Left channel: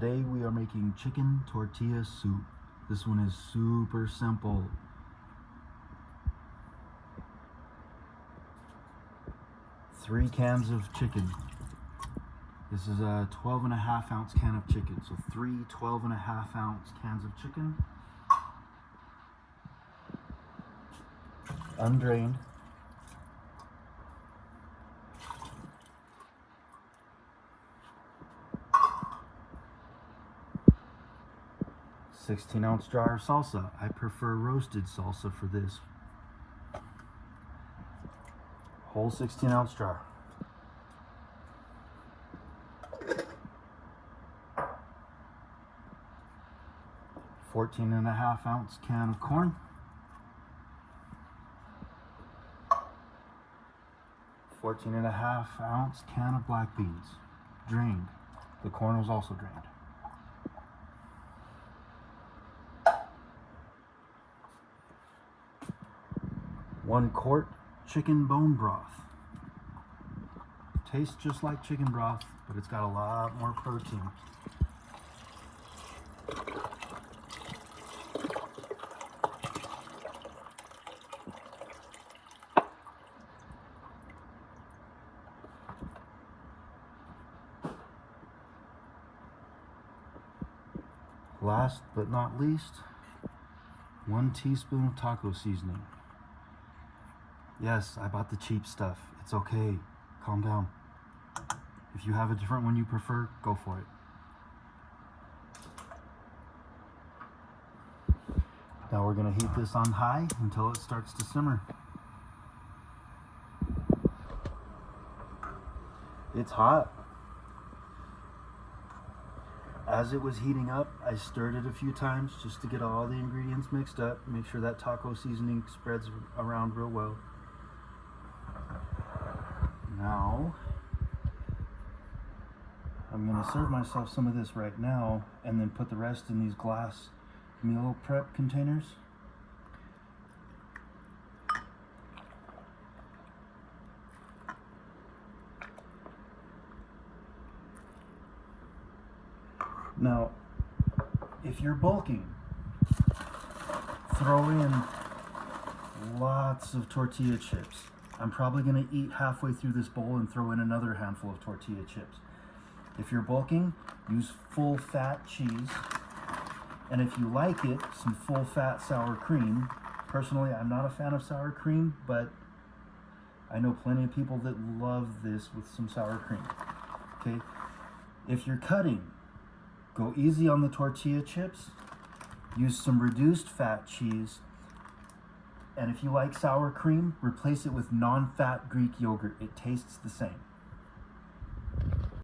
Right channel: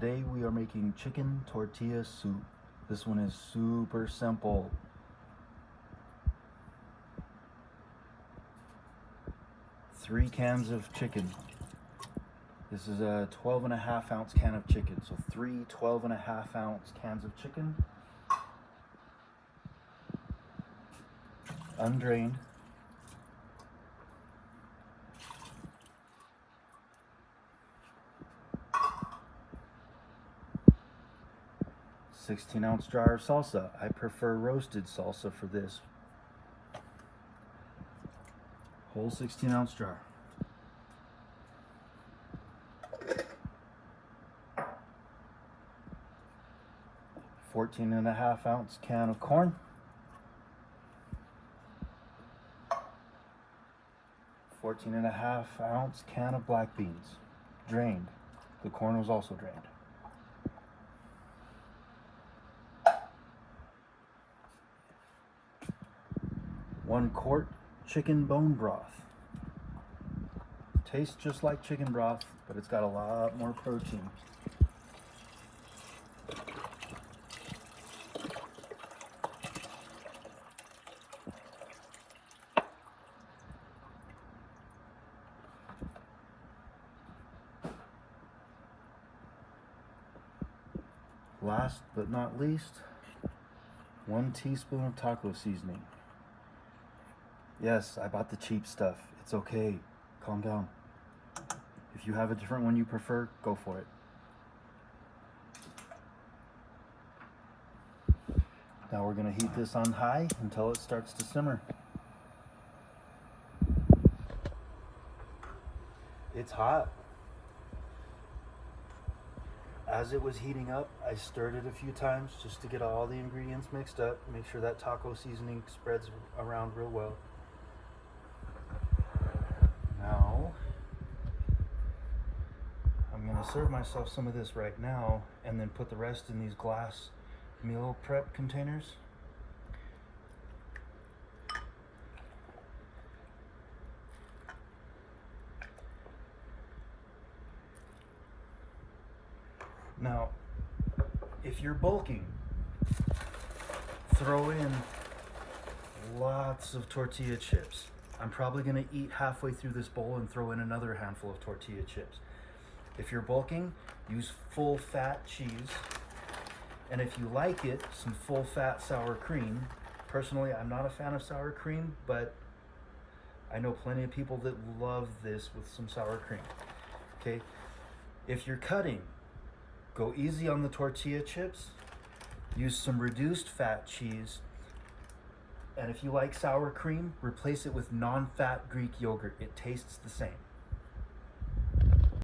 Today we are making chicken tortilla soup. This one is super simple. Three cans of chicken. This is a 12.5 ounce can of chicken. So three 12.5 ounce cans of chicken. Undrained. $16-ounce jar of salsa. I prefer roasted salsa for this. Whole 16-ounce jar. $14.5 can of corn. $14.5 can of black beans, drained. The corn was also drained. One quart chicken bone broth. Tastes just like chicken broth, but it's got a lot more protein. Last but not least, 1 teaspoon of taco seasoning. Yes, I bought the cheap stuff. It's okay. Calm down. If you have a different one you prefer, go for it. Now we're going to heat this on high until it starts to simmer. It's hot. As it was heating up, I stirred it a few times just to get all the ingredients mixed up. Make sure that taco seasoning spreads around real well. Now, I'm going to serve myself some of this right now and then put the rest in these glass meal prep containers. Now, if you're bulking, throw in lots of tortilla chips. I'm probably going to eat halfway through this bowl and throw in another handful of tortilla chips. If you're bulking, use full fat cheese. And if you like it, some full fat sour cream. Personally, I'm not a fan of sour cream, but I know plenty of people that love this with some sour cream. Okay, if you're cutting, go easy on the tortilla chips. Use some reduced fat cheese. And if you like sour cream, replace it with non-fat Greek yogurt. It tastes the same.